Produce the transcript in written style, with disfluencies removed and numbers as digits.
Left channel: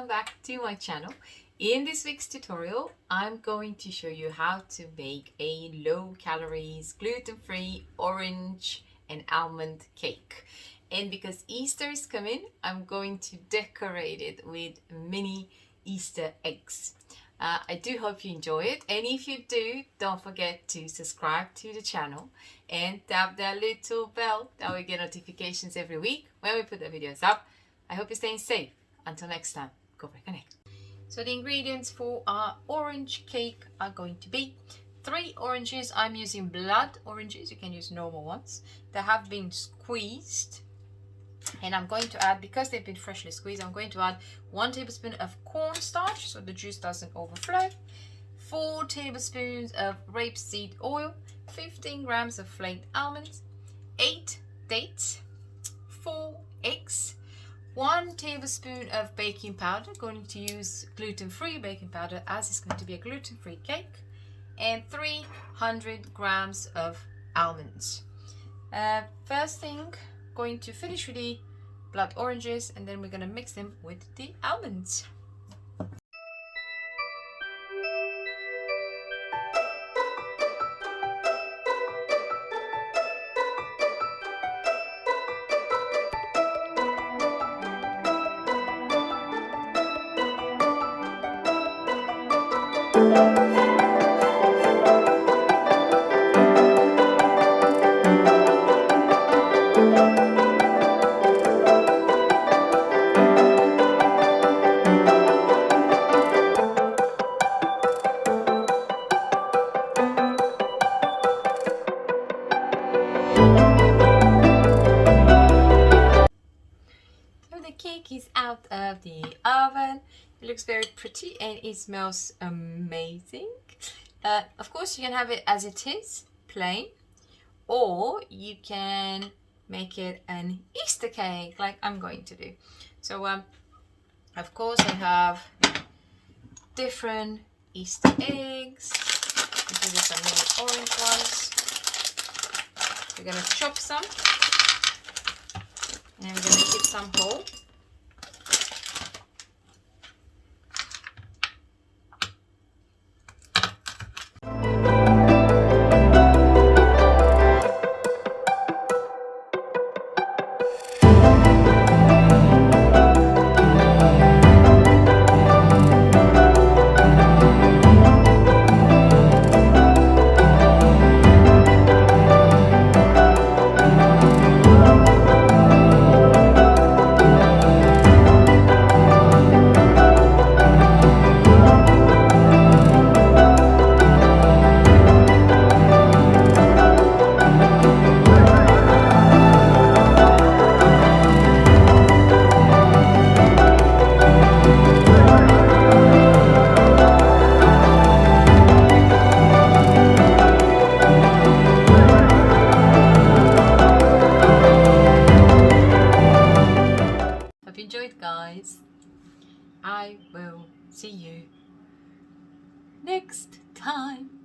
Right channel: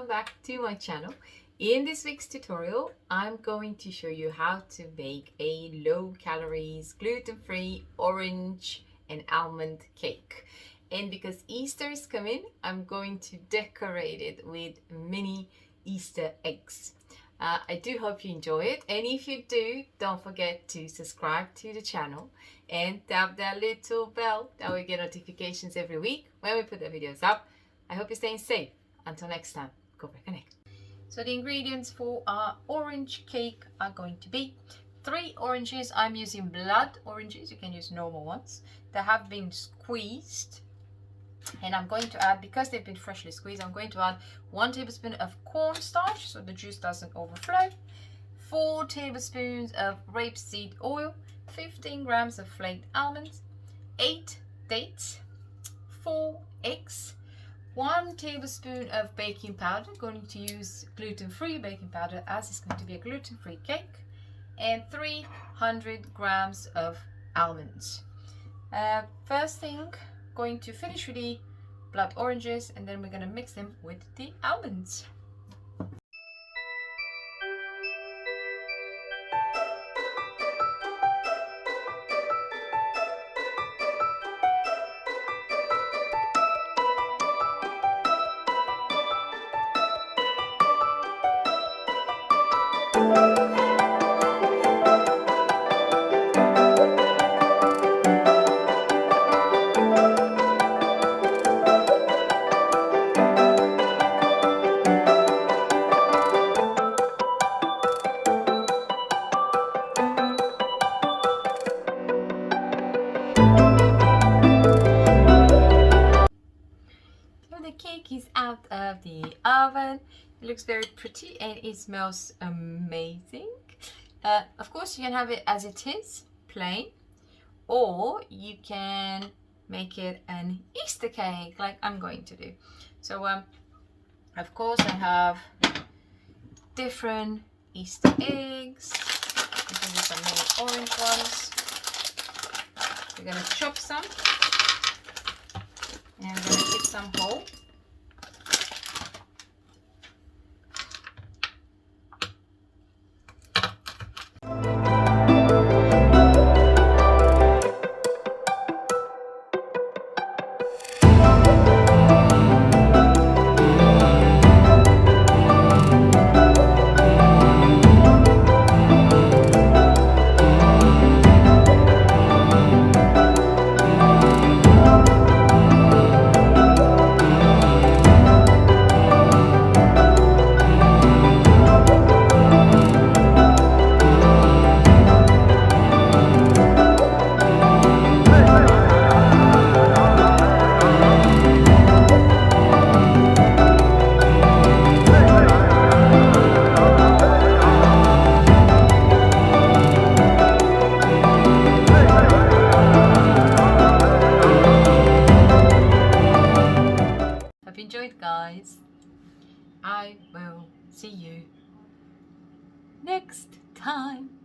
welcome back to my channel. In this week's tutorial, I'm going to show you how to make a low calories, gluten-free orange and almond cake. And because Easter is coming, I'm going to decorate it with mini Easter eggs. I do hope you enjoy it, and if you do, don't forget to subscribe to the channel and tap that little bell that we get notifications every week when we put the videos up. I hope you're staying safe. Until next time, go back connect. So the ingredients for our orange cake are going to be 3 oranges. I'm using blood oranges, you can use normal ones, that have been squeezed. And I'm going to add, because they've been freshly squeezed, I'm going to add 1 tablespoon of cornstarch so the juice doesn't overflow, 4 tablespoons of rapeseed oil, 15 grams of flaked almonds, 8 dates, 4 eggs, 1 tablespoon of baking powder. I'm going to use gluten-free baking powder as it's going to be a gluten-free cake, and 300 grams of almonds. First thing, going to finish with the blood oranges, and then we're going to mix them with the almonds. The cake is out of the oven. It looks very pretty and it smells amazing. Of course, you can have it as it is, plain, or you can make it an Easter cake like I'm going to do. So of course I have different Easter eggs. These are some mini orange ones. We're going to chop some and we're going to keep some whole. Enjoyed, guys. I will see you next time.